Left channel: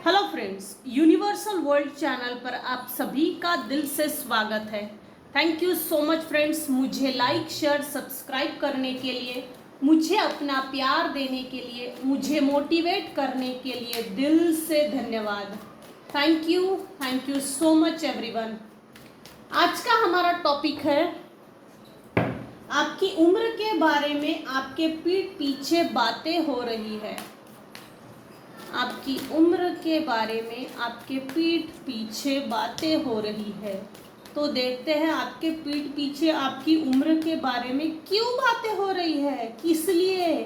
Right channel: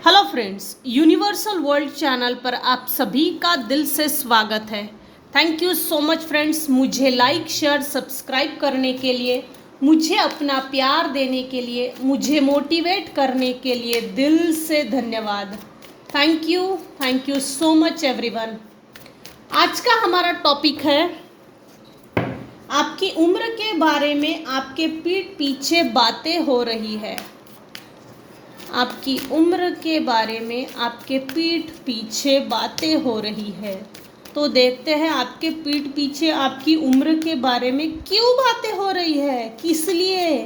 Hello friends, universal world channel पर आप सभी का दिल से स्वागत है। Thank you so much friends, मुझे लाइक शेयर सब्सक्राइब करने के लिए, मुझे अपना प्यार देने के लिए, मुझे मोटिवेट करने के लिए दिल से धन्यवाद। Thank you so much everyone. आज का हमारा टॉपिक है आपकी उम्र के बारे में आपके पीठ पीछे बातें हो रही है। आपकी उम्र के बारे में आपके पीठ पीछे बातें हो रही है। तो देखते हैं आपके पीठ पीछे आपकी उम्र के बारे में क्यों बातें हो रही है, किस लिए,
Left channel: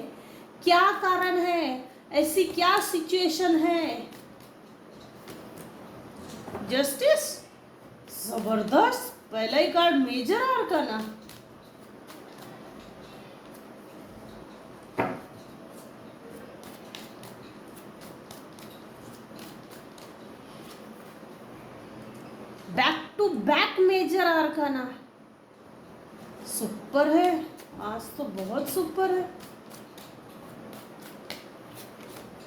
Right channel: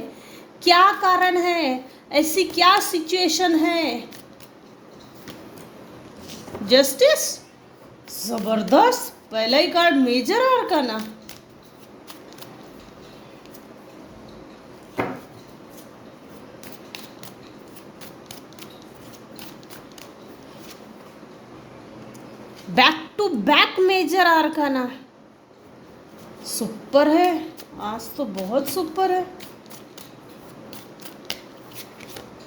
क्या कारण है, ऐसी क्या सिचुएशन है। जस्टिस, जबरदस्त, पहला ही card major arcana. Back to back major arcana. Super है, आज तो बहुत सुपर है।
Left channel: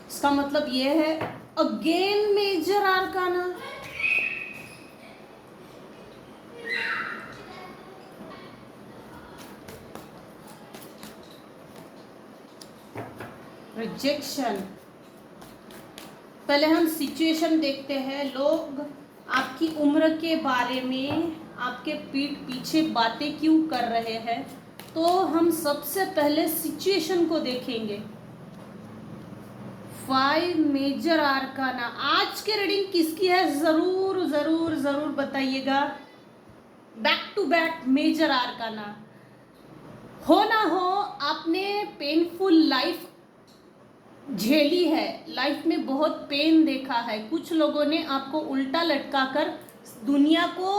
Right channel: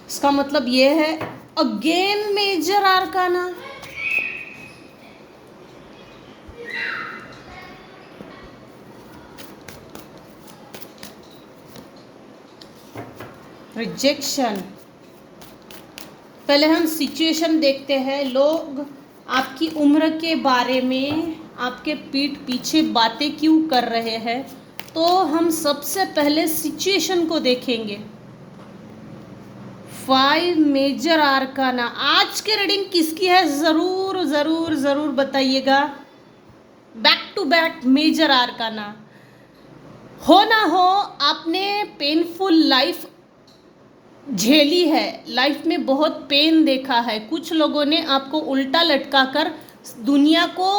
इसका मतलब ये है अगेन मेजर आर्काना। रिजेक्शन। पहले हम सिचुएशन देखते हैं। लोग आपकी उम्र के बारे में आपके पीठ पीछे बातें क्यों कर रहे हैं, तो हम सबसे पहले सिचुएशन को देखेंगे। 5 मेजर आर्काना। आज के रीडिंग किसकी है, जरूर जरूर जरूर बताइएगा। Back to back major arcana. हो ना हो आपने पेनफुल लाइफ झेली है, लाइफ में बहुत पेन देखा है। कुछ लोगों ने आपको उल्टा लटका कर दुनिया को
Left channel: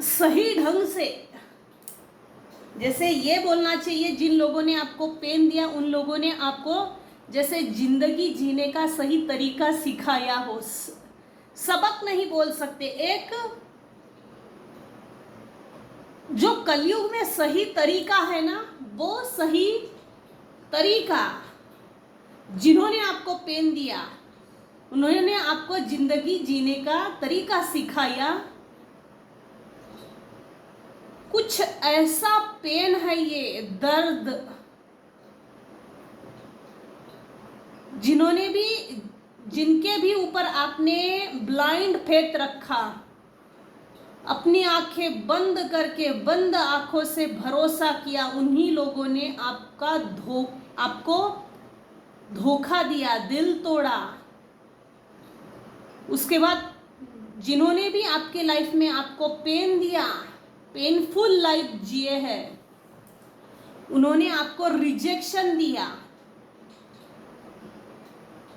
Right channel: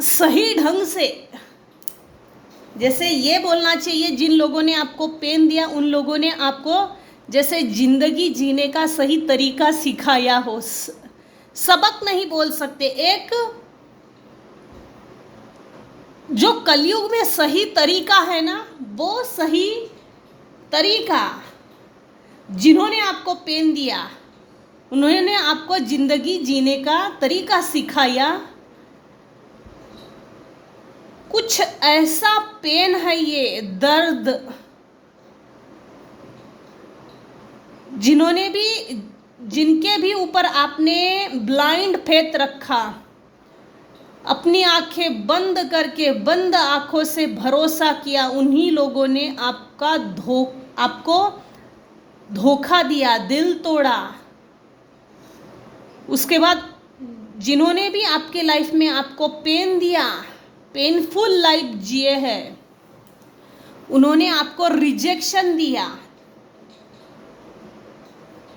सही ढंग से, जैसे ये बोलना चाहिए, जिन लोगों ने आपको पेन दिया उन लोगों ने आपको जैसे जिंदगी जीने का सही तरीका सिखाया हो। सबक नहीं बोल सकते, एक जो कलयुग में सही तरीका है ना, वो सही तरीका, जिन्होंने आपको पेन दिया उन्होंने आपको जिंदगी जीने का तरीका सिखाया। कुछ ऐसा पेन है ये, दर्द, जिनके भी ऊपर आपने ब्लाइंड फेथ रखा, अपनी आंखें बंद करके बंद आंखों से भरोसा किया, उन्हीं लोगों ने आपको धोखा दिया, दिल तोड़ा। उसके बाद जिन्होंने भी आपके लाइफ में आपको पेन दिया, पेनफुल लाइफ जिए हैं, उन्होंने आपको रिजेक्शन दिया।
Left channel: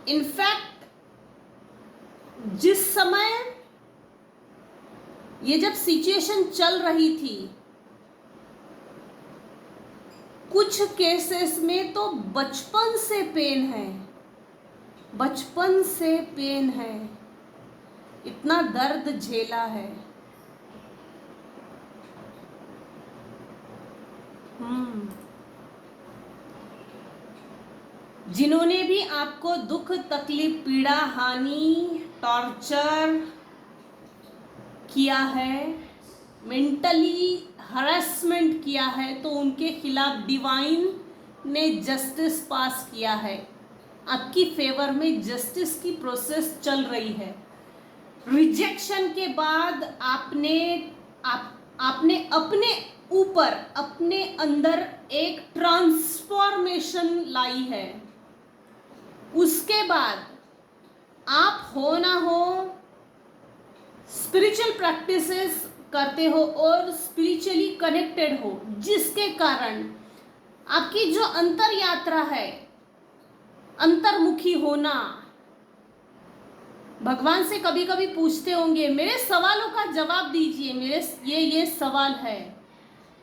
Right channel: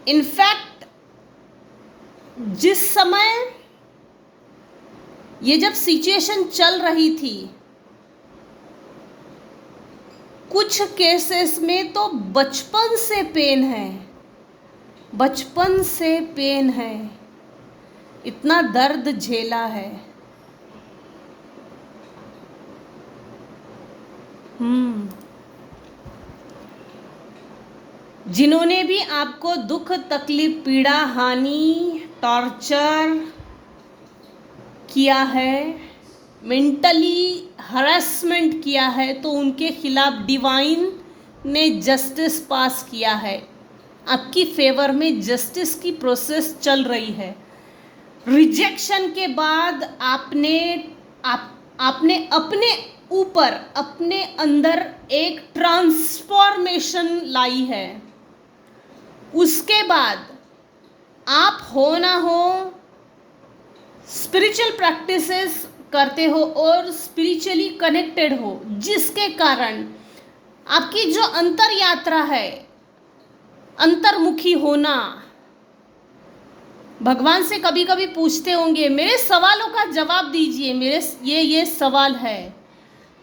इनफैक्ट जिस समय ये जब सिचुएशन चल रही थी, कुछ केसेस में तो बचपन से पेन है, बचपन से पेन है, इतना दर्द झेला है। जिन्होंने भी आपको दुख तकलीफ पीड़ा हानि टॉर्चर किया है, मेंटली हरासमेंट किया है, तो उनके खिलाफ डिवाइन ने जस्टिस पास किया है। आपकी फेवर में जस्टिस की प्रोसेस चल रही है। रिजेक्शन के बाद आपने अपने ऊपर, अपने अंदर एक ट्रांसफॉर्मेशन लाई है। उसके बाद आप हो ना हो स्पिरिचुअल प्रैक्टिसेस करते हो और स्पिरिचुअली कनेक्टेड हो, जिसके कारण आपकी जो अंतर यात्रा है, अंतर्मुखी होना। भगवान से कभी कभी पूछते होंगे, मेरे सवालों का जवाब दीजिए, मेरे ये सवाल है।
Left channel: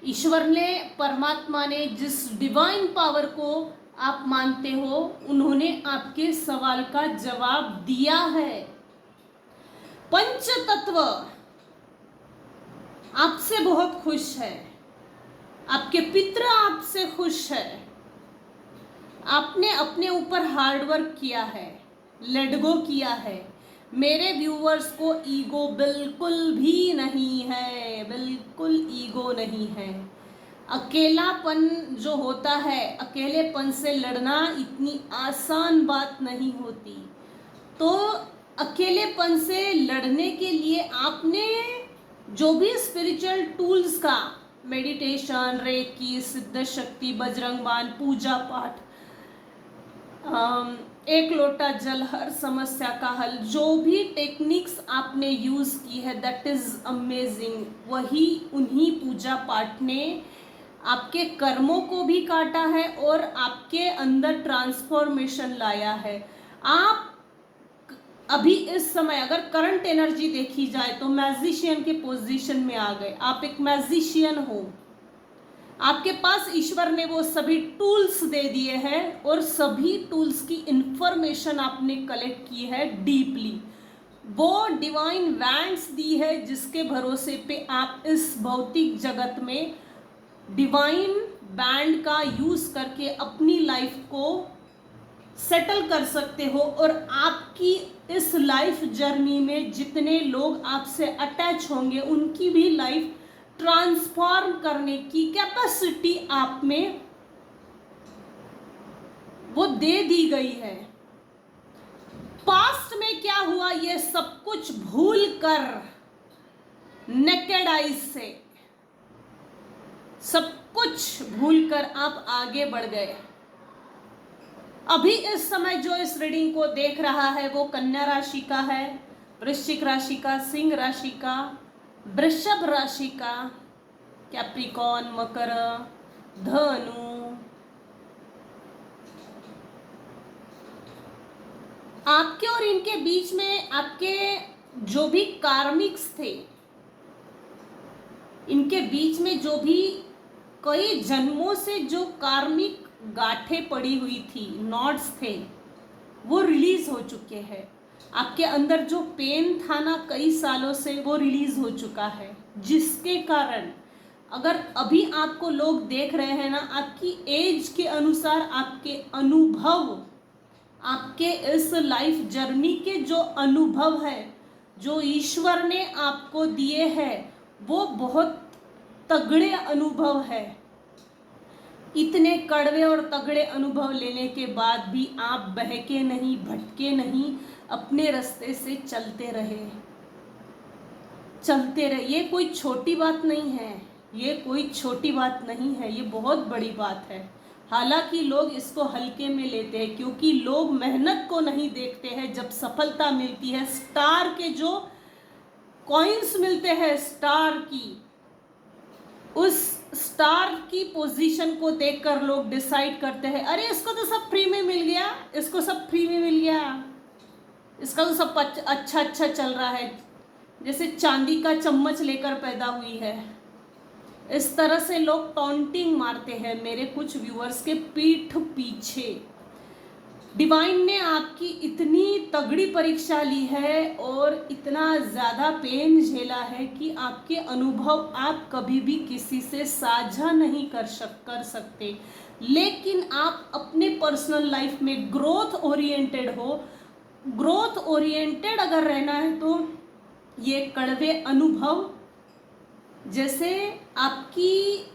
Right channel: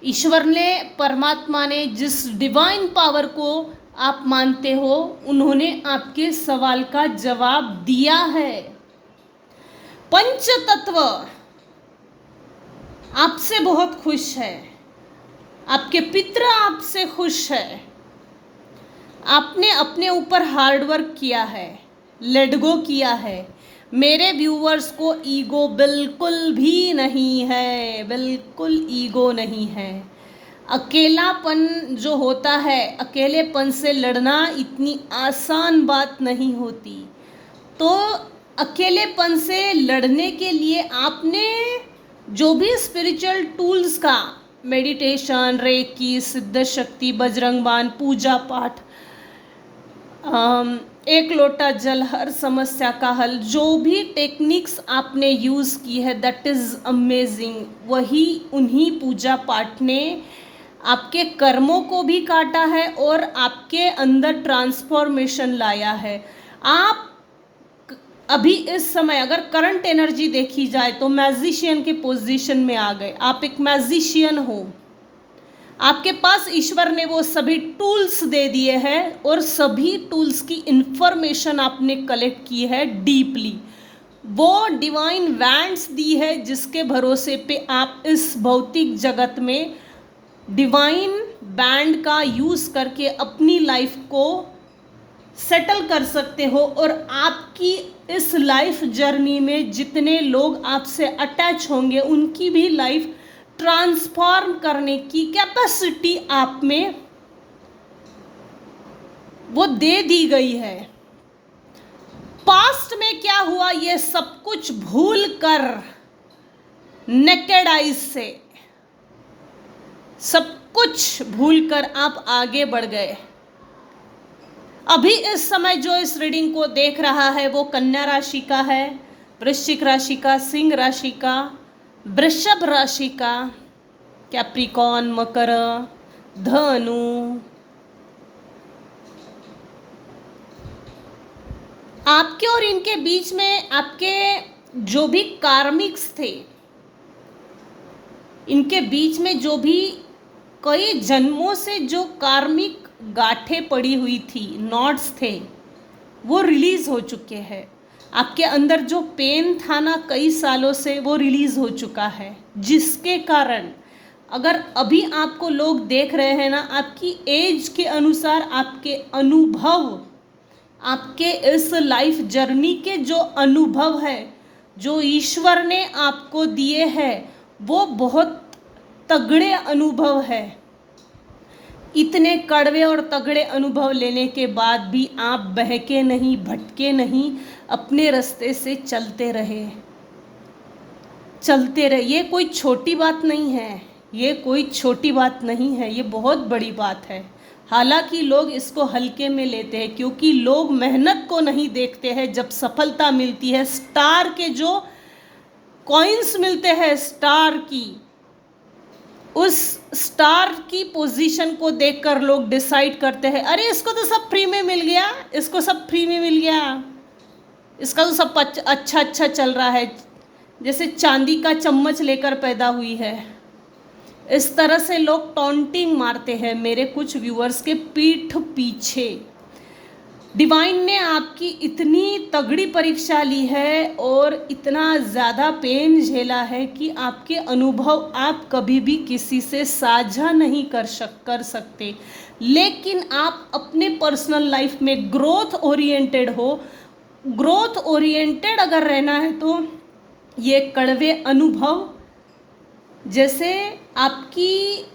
ईश्वर ने, परमात्मा ने, जिस डिवाइन पावर को आप मानते हो, उन्होंने आपके सवाल का जवाब दिया है। पंच तत्व आपसे बहुत खुश है, आपके पितर आपसे खुश है, आपने अपने ऊपर हार्ड वर्क किया है, लेट गो किया है। मेरे व्यूवर्स को ईगो बिल्कुल भी नहीं है, बिल्कुल ईगो नहीं है। अकेलापन जो होता है, अकेलेपन से लड़ना इतनी आसान बात नहीं होती। तो अकेलेपन से लड़ने के लिए आपने जो भी स्पिरिचुअल टूल्स का, मेडिटेशन, रेकी, सिद्ध शक्ति, बजरंग बाण, पूजा पाठ, एक लोटा जल, हर समस्या का हल, जो भी टेक्निक्स आपने यूज़ की है, दैट इज़ अमेजिंग। वही उन्हीं पूजा पाठ ने आपके कर्मों को भी काटा है और आपके अंदर ट्रांसफॉर्मेशन लाया है। आप अभी इस समय अगर करंट एनर्जी देखी जाए तो मैजिशियन के पोजीशन में आ गए। आप एक मैजिशियन हो, आपके पास ईश्वर ने वो सभी टूल्स दे दिए हैं और सभी टूल्स की इंफॉर्मेशन आपने कलेक्ट की है डीपली। वो डिवाइन वैंड्स दी है जिसके भरोसे पे आप इस भौतिक जगत में डिवाइन बैंड का यूज़ करके अपनी लाइफ को सेटल कर सकते हो। और आपकी इस लाइफ जर्नी में जितने लोग आपसे अटैच होंगे उनकी भी लाइफ ट्रांसफॉर्म करने की कैपेसिटी आप में वो दे दी गई है। पास्ट में क्या हुआ ये सब कुछ भूल कर, नेकेड आइज से सब कुछ भूल कर आप आगे बढ़ गए। अभी इस समय जो इस रीडिंग को देख रहा है वो कन्या राशि का है, वृश्चिक राशि का, सिंह राशि का, वृषभ राशि का, कैप्रिकॉन, मकर, धनु। आपके और इनके बीच में आपके जो भी कार्मिक्स थे, इनके बीच में जो भी कई जन्मों से जो कार्मिक गांठें पड़ी हुई थी, नॉट्स थे, वो रिलीज हो चुके हैं। आपके अंदर जो पेन था ना कई सालों से, वो रिलीज हो चुका है, जिसके कारण अगर अभी आपको लोग देख रहे हैं ना, आपकी एज के अनुसार आपके अनुभव, आपके इस लाइफ जर्नी के जो अनुभव है, जो ईश्वर ने आपको दिए हैं, वो बहुत तगड़े अनुभव है। इतने कड़वे और तगड़े अनुभव लेने के बाद भी आप बहके नहीं, भटके नहीं, अपने रास्ते से चलते रहे, चलते रहे। ये कोई छोटी बात नहीं है, ये कोई छोटी बात नहीं है, ये बहुत बड़ी बात है। हालांकि लोग इसको हल्के में लेते हैं क्योंकि लोग मेहनत को नहीं देखते हैं। जब सफलता मिलती है, स्टार के जो कॉइन्स मिलते हैं, स्टार की, उस स्टार की पोजीशन को देखकर लोग डिसाइड करते हैं, अरे इसको तो सब फ्री में मिल गया, इसको सब फ्री में मिल गया, इसका तो सब अच्छा अच्छा चल रहा है, जैसे चांदी का चम्मच लेकर पैदा हुई है। इस तरह से लोग टॉन्टिंग मारते हैं मेरे कुछ व्यूअर्स के पीठ पीछे। डिवाइन ने आपकी इतनी तगड़ी परीक्षा ली है और इतना ज़्यादा पेन झेला है कि आपके अनुभव आप कभी भी किसी से साझा नहीं कर सकते। लेकिन आप अपने पर्सनल लाइफ में ग्रोथ ओरिएंटेड हो। ग्रोथ ओरिएंटेड अगर रहना है तो ये कड़वे अनुभव जैसे आपकी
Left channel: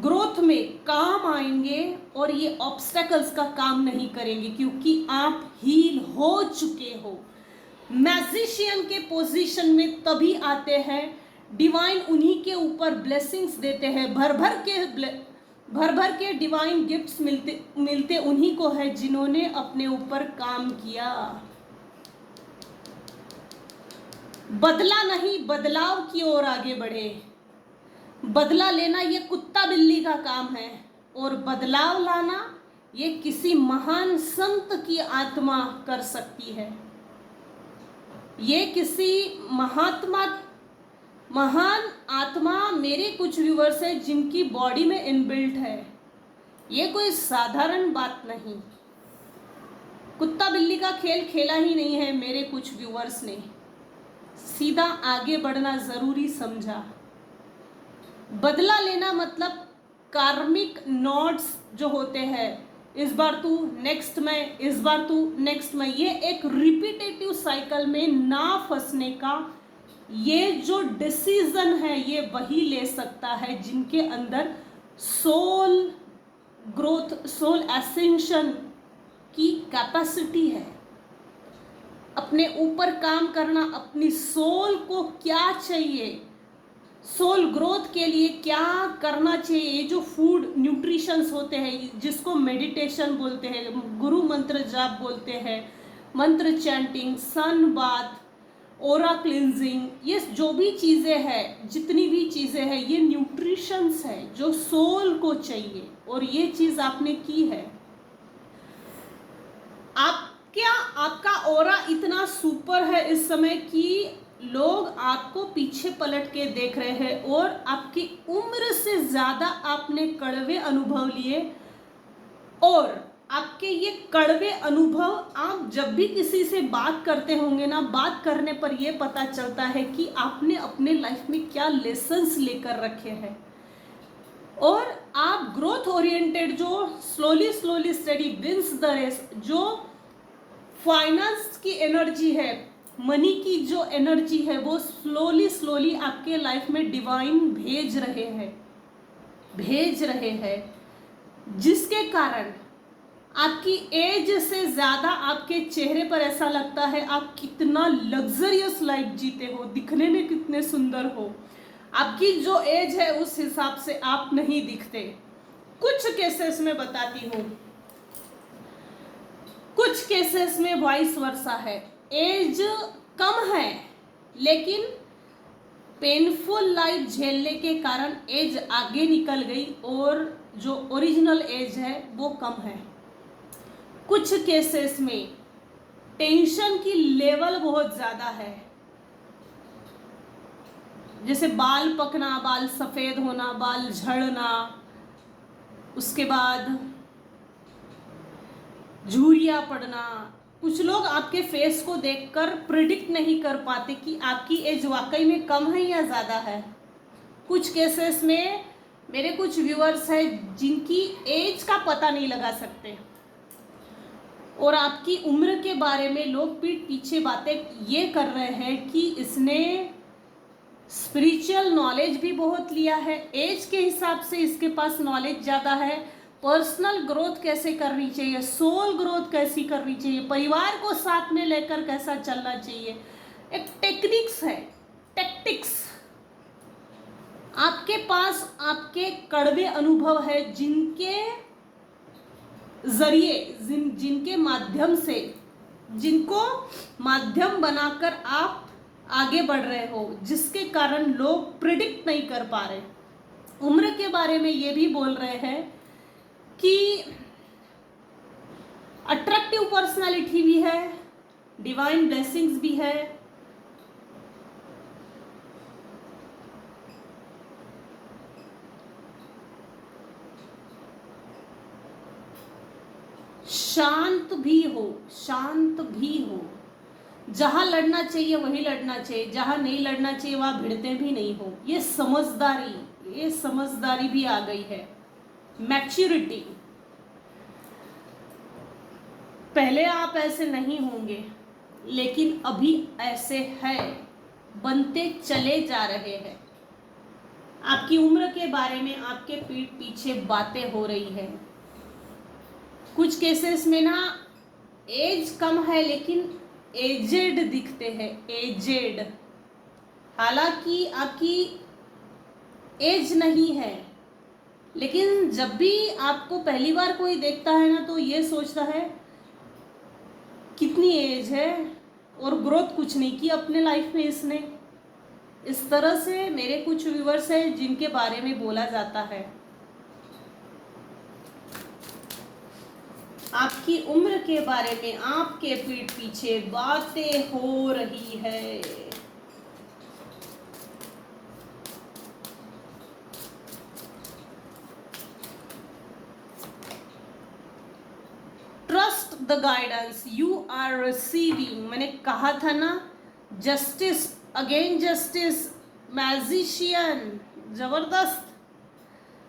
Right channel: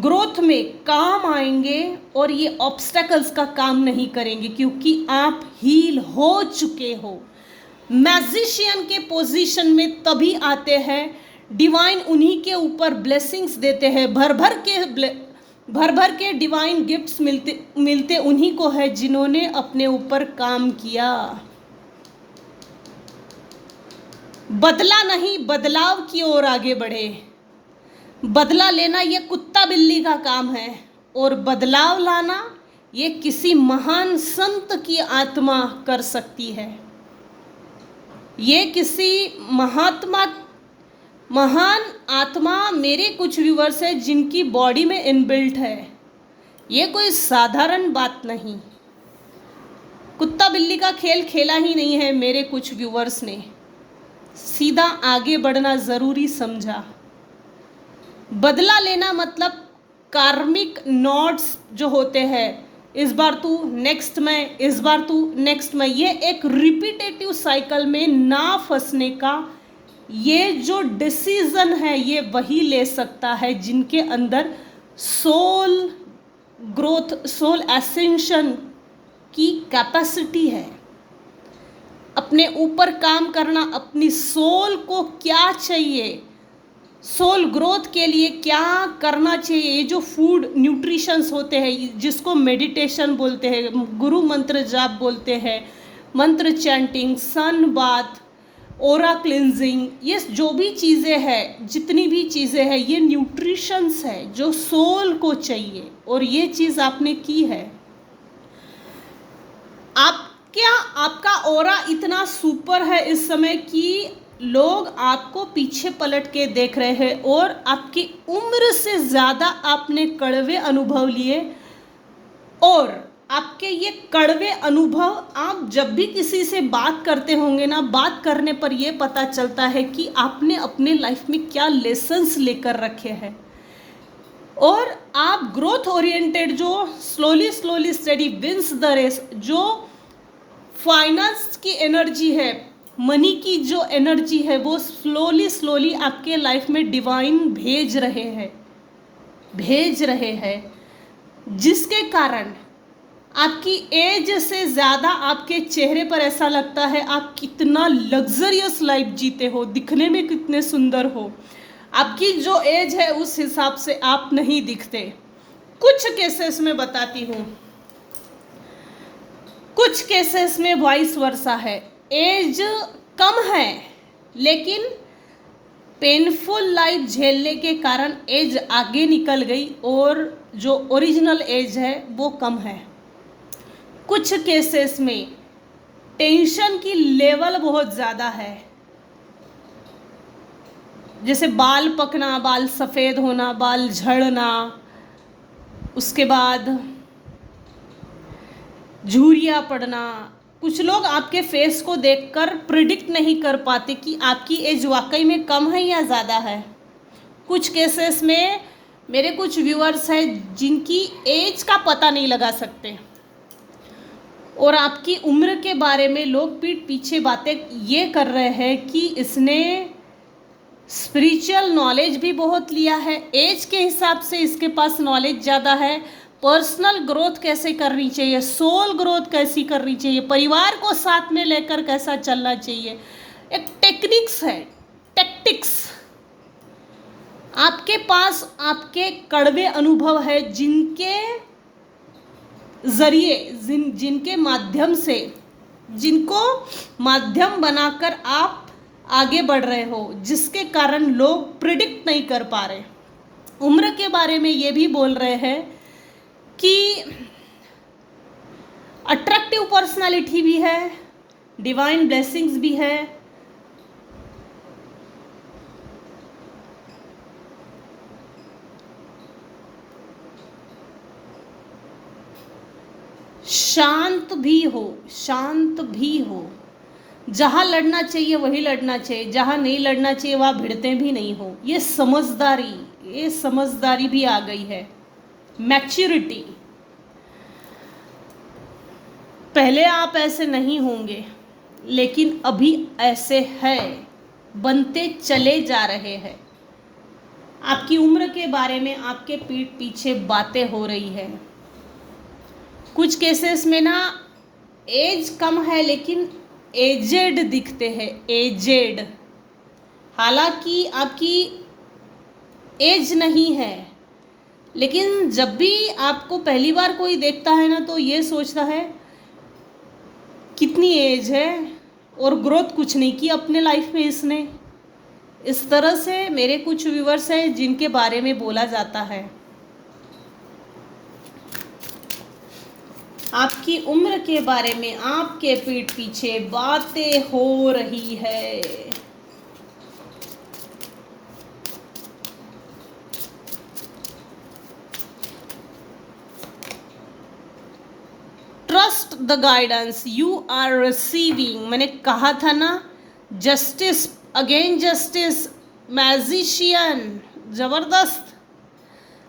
ग्रोथ में काम आएंगे और ये ऑब्स्टेकल्स का काम नहीं करेंगे क्योंकि आप हील हो चुके हो। मैजिशियन के पोजीशन में तभी आते हैं, डिवाइन उन्हीं के ऊपर ब्लेसिंग्स देते हैं, भर भर के डिवाइन गिफ्ट्स मिलते उन्हीं को है जिन्होंने अपने ऊपर काम किया। बदला नहीं, बदलाव की ओर आगे बढ़े। बदला लेना ये कुत्ता बिल्ली का काम है और बदलाव लाना ये किसी महान संत की आत्मा कर सकती है। ये किसी महान आत्मा, मेरे कुछ व्यूअर्स है जिनकी बॉडी में इनबिल्ट है। ये कोई साधारण बात नहीं, कुत्ता बिल्ली का खेल खेला ही नहीं है मेरे कुछ व्यूअर्स ने, सीधा आगे बढ़ना ज़रूरी समझा। बदला लेना मतलब कार्मिक नॉट्स जो होते हैं, इस बार तू, नेक्स्ट मैं, इस बार तू, नेक्स्ट मैं, ये एक रिपीटेटिव साइकिल में ना फंसने का ये जो डिसीजन है ये वही ले सकता है जिनके अंदर सोल ग्रोथ, सोल एसेंशन की कैपेसिटी है। अपने ऊपर काम करना, अपनी सोल को क्या चाहिए, सोल ग्रोथ के लिए क्या करना चाहिए, ये जो फूड न्यूट्रिशंस होते हैं जिसको मेडिटेशन बोलते हैं, गुरु मंत्र जाप बोलते हैं, मंत्र चैंटिंग, सन बाथ, ओरा क्लिनजिंग, ये जो भी चीज़ें हैं, जितनी भी चीज़ें हैं, ये न्यूट्रिशंस है जो सोल को चाहिए। और ये चीज़ आपने की है। आप क्या, आपका ओरा इतना सुपर है इस समय कि लोग आपको पीछे पलट के देख रहे हैं और आपकी उम्र से ज़्यादा आपने कड़वे अनुभव लिए। और आपके ये कड़वे अनुभव आप जब भी किसी से बात करते होंगे ना, बात करने पर ये पता चलता है कि आपने अपने लाइफ में क्या लेसन्स लेकर रखे हैं। और आप ग्रोथ ओरिएंटेड, जो slowly slowly steady wins the race, जो फाइनेंस की एनर्जी है, मनी की जो एनर्जी है, वो स्लोली स्लोली आपके लाइफ में डिवाइन भेज रहे हैं, जिसके कारण आपकी एज से ज़्यादा आपके चेहरे पर ऐसा लगता है आप कितना लग्जरियस लाइफ जीते हो, दिखने में कितने सुंदर हो। आपकी जो एज है उस हिसाब से आप नहीं दिखते। कुछ केसेस में बताती हूँ, कुछ केसेस में वाइस वर्सा है, एज कम है लेकिन पेनफुल लाइफ झेलने के कारण एज आगे निकल गई और जो ओरिजिनल एज है वो कम है। कुछ केसेस में टेंशन की लेवल बहुत ज़्यादा है, जैसे बाल पकना, बाल सफ़ेद होना, बाल झड़ना, उसके बाद झुर्रियाँ पड़ना। कुछ लोग आपके फेस को देखकर प्रिडिक्ट नहीं कर पाते कि आपकी एज वाकई में कम है या ज़्यादा है। कुछ केसेस में मेरे कुछ व्यूअर्स हैं जिनकी एज का पता नहीं लगा सकते और आपकी उम्र के बारे में लोग पीठ पीछे बातें ये कर रहे हैं कि इसने स्पिरिचुअल नॉलेज भी बहुत लिया है, एज के हिसाब से इसके पास नॉलेज ज़्यादा है, पर्सनल ग्रोथ कैसे करनी चाहिए, सोल ग्रोथ कैसी करनी चाहिए, परिवार को साथ में लेकर कैसा चलना चाहिए, एक टेक्निक्स है, टैक्टिक्स। आपके पास आपके कड़वे अनुभव है जिनके जरिए, जिनके माध्यम से, जिनको माध्यम बनाकर आप आगे बढ़ रहे हो, जिसके कारण लोग प्रिडिक्ट नहीं कर पा रहे। उम्र के बारे में ये भी बोल रहे हैं कि अट्रैक्टिव पर्सनालिटी भी है, डिवाइन ब्लेसिंग्स भी है, शांत भी हो, जहां लड़ना चाहिए वही लड़ना चाहिए, जहां नहीं लड़ना चाहिए वहां भिड़ते भी नहीं हो। ये समझदारी भी आ गई है, मैच्योरिटी। पहले आप ऐसे नहीं होंगे लेकिन अभी ऐसे है, बनते चले जा रहे हैं। आपकी उम्र के बारे में आपके पीठ पीछे बातें हो रही है। कुछ केसेस में ना एज कम है लेकिन एजेड दिखते हैं, एजेड, हालांकि आपकी एज नहीं है, लेकिन जब भी आपको पहली बार कोई देखता है ना तो ये सोचता है कितनी एज है और ग्रोथ कुछ नहीं की अपने लाइफ में इसने। इस तरह से मेरे कुछ व्यूअर्स हैं जिनके बारे में बोला जाता है। आपकी उम्र के बारे में आपके पीठ पीछे बातें हो रही है। Trust the guidance you are receiving. मैंने कहा था ना, जस्टिस, अगेन जस्टिस, मैजिशियन, जबरदस्त।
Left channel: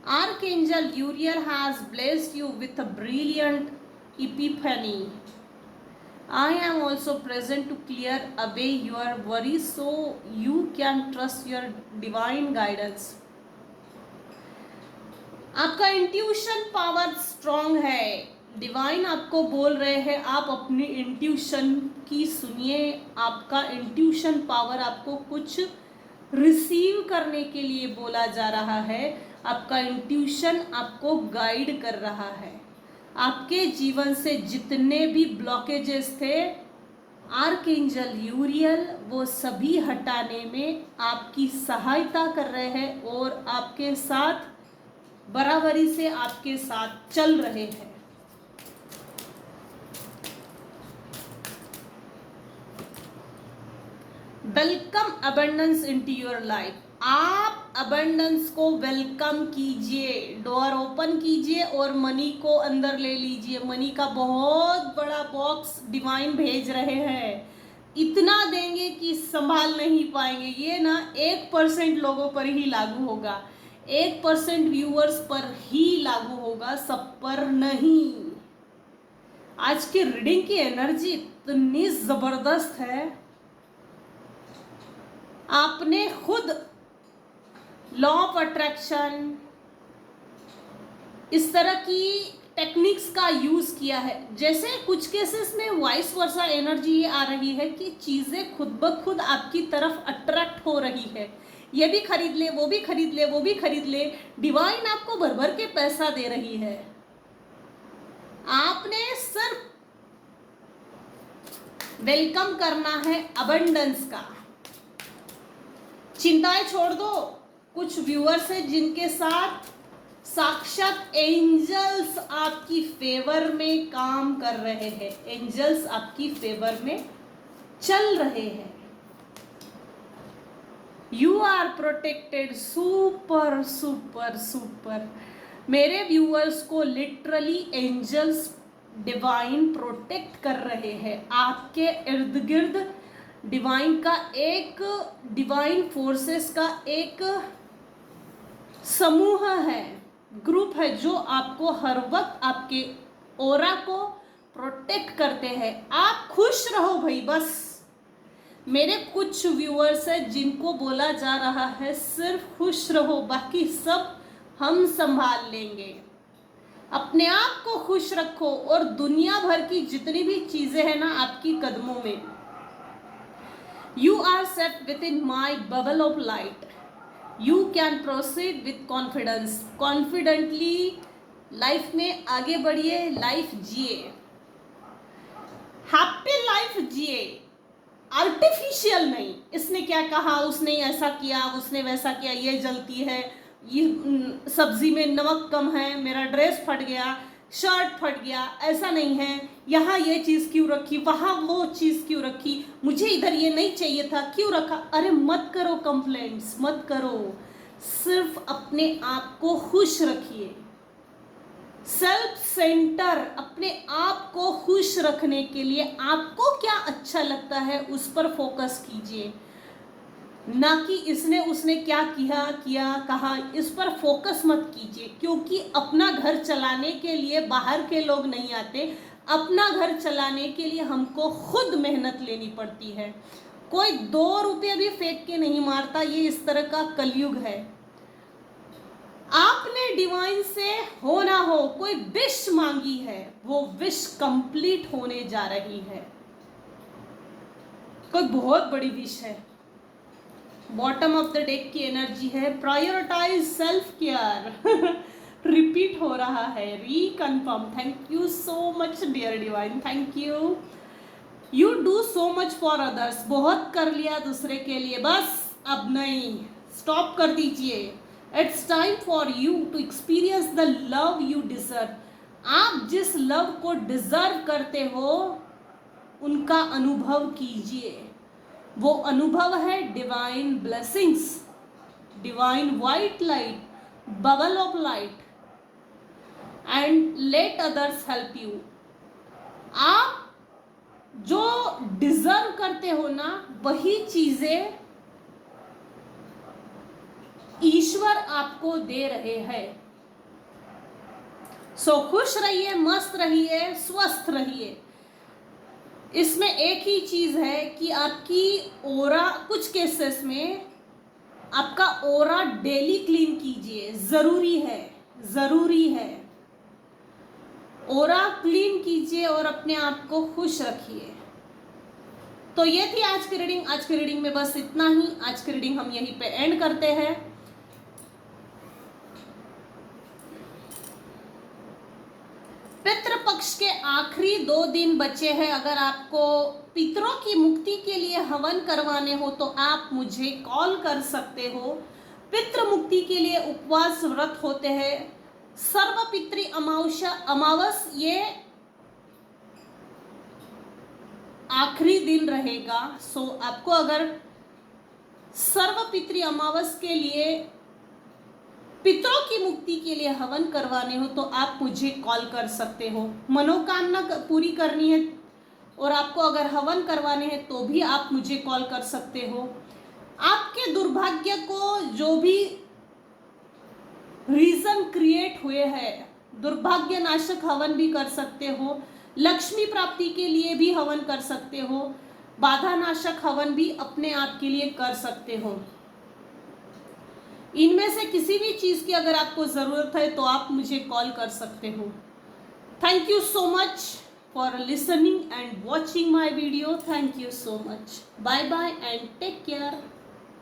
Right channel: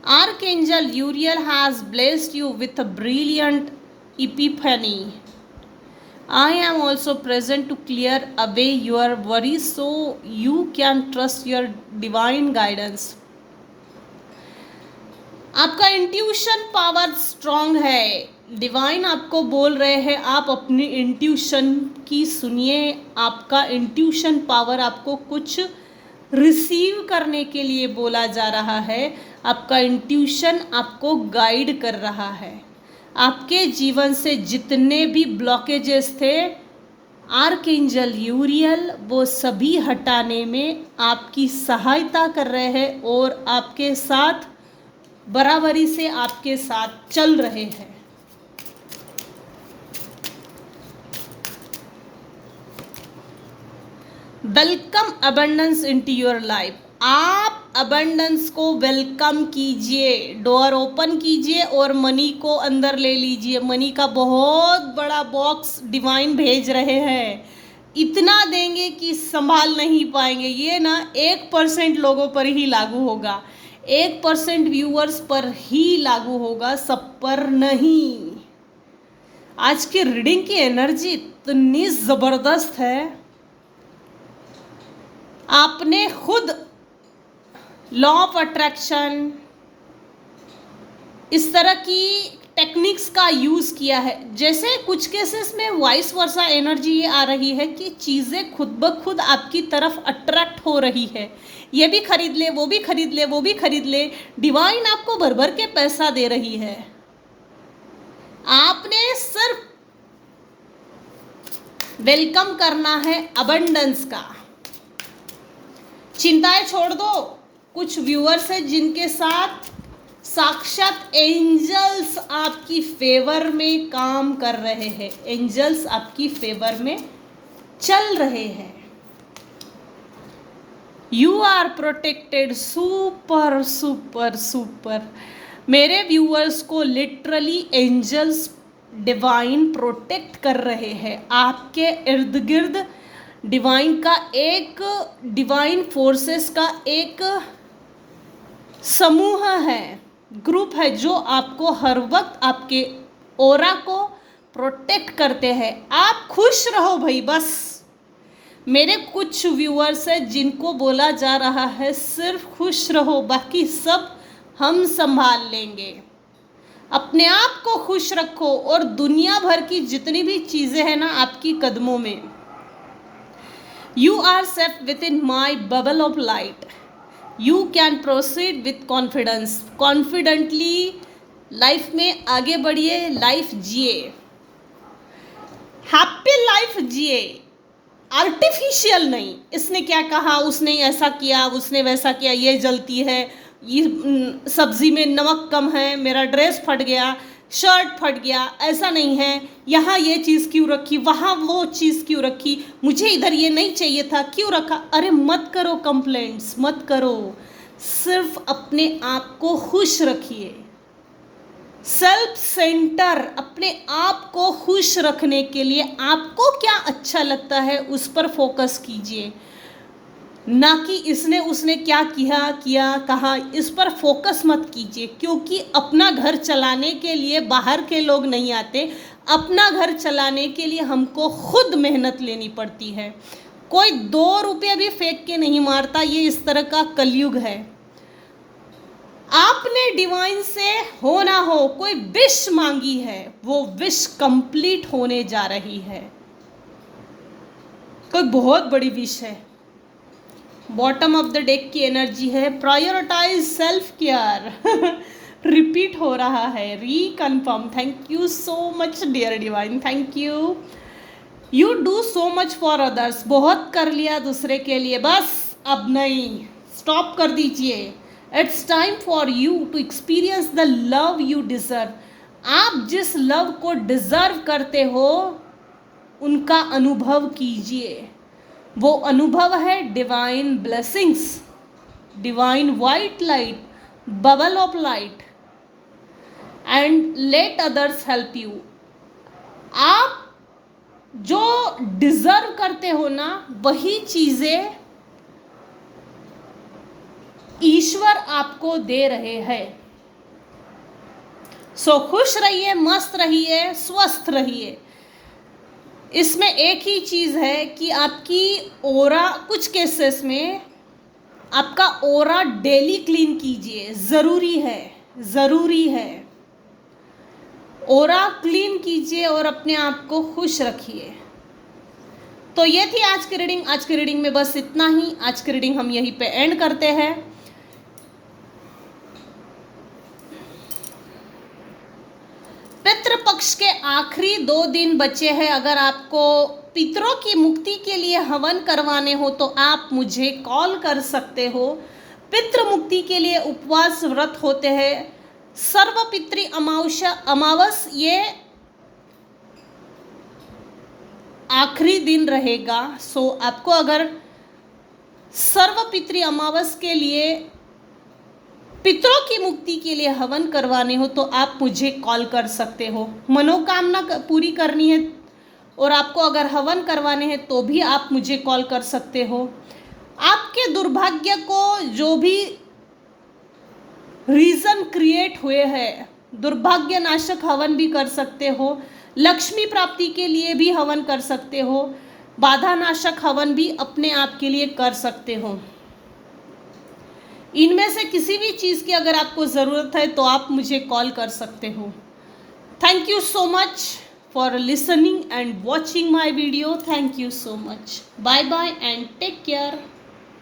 Archangel Uriel has blessed you with a brilliant epiphany. I am also present to clear away your worries so you can trust your divine guidance. आपका intuition power strong है। Divine आपको बोल रहे हैं आप अपनी intuition की सुनिए। आपका इंट्यूशन पावर आपको कुछ रिसीव करने के लिए बोला जा रहा है। आपका इंट्यूशन आपको गाइड कर रहा है। आपके जीवन से जितने भी ब्लॉकेजेस थे, आर्कएंजल यूरियल वो सभी हटाने में आपकी सहायता कर रहे हैं और आपके साथ बराबरी से आपके साथ चल रहे हैं। Welcome abundance into your life. आप अबंडेंस को वेलकम कीजिए, डोर ओपन कीजिए और मनी को अंदर ले लीजिए। मनी का बहुत बड़ा बॉक्स डिवाइन भेज रहे हैं। इतना देंगे कि संभाल नहीं पाएंगे। ये ना 1% लोगों पर ही लागू होगा, 1% व्यूअर्स पर ही लागू होगा, सब पर नहीं। आज की रीडिंग की एनर्जी इतनी जबरदस्त है। आपने खुद लॉ ऑफ अट्रैक्शन इस तरह की टेक्निक्स का यूज किया है। जैसे कुछ केसेस में वाइस वर्सा एनर्जी ये आ रही है कि चीजें खुद ब खुद आपकी तरफ अट्रैक्ट हो रही है। ये भी खरीद ले, वो भी खरीद ले, वो भी खरीद ले। डिवाइन आपको भर भर के पैसा दे रही है। आपने सिर्फ वेलकम करना है अबंडेंस का। चिंताएं छोड़ दो। कुछ व्यूअर्स हैं जिनके साथ साक्षात एंजल्स आपकी फेवर में काम कर रहे हैं। एंजल्स आपकी फेवर में चल रहे हैं। You are protected. Super super super. मेरे व्यूअर्स को लिटरली एंजल्स डिवाइन प्रोटेक्ट कर रहे हैं। आपके इर्द गिर्द डिवाइन का एक डिवाइन फोर्सेस का एक समूह है, ग्रुप है, जो आपको हर वक्त आपके ऑरा को प्रोटेक्ट करते हैं। आप खुश रहो भाई बस। मेरे कुछ व्यूअर्स हैं जिनको बोला जा रहा है सिर्फ खुश रहो, बाकी सब हम संभाल लेंगे। अपने आप को खुश रखो और दुनिया भर की जितनी भी चीजें हैं ना आपकी कदमों में। You are set within my bubble of light. You can proceed with confidence. Confidently life में आगे बढ़िए, लाइफ जिए, हैप्पी लाइफ जिए, आर्टिफिशियल नहीं। इसने क्या कहा, उसने ऐसा किया, उसने वैसा किया, ये जलती है, ये सब्जी में नमक कम है, मेरा ड्रेस फट गया, शर्ट फट गया, ऐसा नहीं है। यहाँ ये चीज़ क्यों रखी, वहाँ वो चीज़ क्यों रखी, मुझे इधर ये नहीं चाहिए था, क्यों रखा। अरे मत करो कंप्लेंट्स, मत करो। सिर्फ अपने आप को खुश रखिए। सेल्फ सेंटर, अपने आप को खुश रखने के लिए आपको क्या अच्छा लगता है उस पर फोकस कीजिए, ना कि इसने उसने क्या किया कहा, इस पर फोकस मत कीजिए। क्योंकि अपना घर चलाने के लिए बाहर के लोग नहीं आते। अपना घर चलाने के लिए हमको खुद मेहनत लेनी पड़ती है। कोई 2 रुपये भी फेंक के नहीं मारता। ये इस तरह का कलयुग है। आपने डिवाइन से हो ना हो कोई विश मांगी है, वो विश कंप्लीट होने जा रही है। कोई बहुत बड़ी विश है। बॉटम ऑफ द डेक की एनर्जी है प्रायोरिटाइज सेल्फ केयर। रिपीट हो रहा है, reconfirm. Thank you so much dear divine, thank you. You do so much for others. बहुत कर लिया दूसरे के लिए, बस अब नहीं, स्टॉप कर दीजिए। It's time for you to experience the love you deserve. आप जिस लव को डिजर्व करते हो उनका अनुभव कीजिए। वो अनुभव है divine blessings, divine white light, bubble of light, and let others help you. आप जो डिजर्व करते हो ना, वही चीजें ईश्वर आपको दे रहे हैं। सो खुश रहिए, मस्त रहिए, स्वस्थ रहिए। इसमें एक ही चीज़ है कि आपकी ओरा, कुछ केसेस में आपका ओरा डेली क्लीन कीजिए, ज़रूरी है, ज़रूरी है। ओरा क्लीन कीजिए और अपने आप को खुश रखिए। तो ये थी आज की रीडिंग। आज की रीडिंग में बस इतना ही। आज की रीडिंग हम यहीं पे एंड करते हैं। पितृपक्ष के आखिरी 2 दिन बचे हैं। अगर आपको पितरों की मुक्ति के लिए हवन करवाने हो तो आप मुझे कॉल कर सकते हो। पितृ मुक्ति के लिए उपवास व्रत होते हैं। सर्वपितृ अमावस ये आखिरी दिन रहेगा। सो आपको अगर सर्वपितृ अमावस के लिए, पितरों की मुक्ति के लिए हवन करवाने हो तो आप मुझे कॉल कर सकते हो। मनोकामना पूरी करनी है और आपको अगर हवन करवाने हैं तो भी आप मुझे कॉल कर सकते हो। आपके दुर्भाग्य को जो भी रीजन क्रिएट हुए हैं, दुर्भाग्य नाशक हवन भी कर सकते हो। लक्ष्मी प्राप्ति के लिए भी हवन कर सकते हो। बाधा नाशक हवन भी अपने आप के लिए कर सकते हो। इनमें से किसी भी चीज़ की अगर आपको ज़रूरत है तो आप मुझे कॉल कर सकते हो। Thank you so much for listening and watching my video. Thank you so much. Bye bye and take care.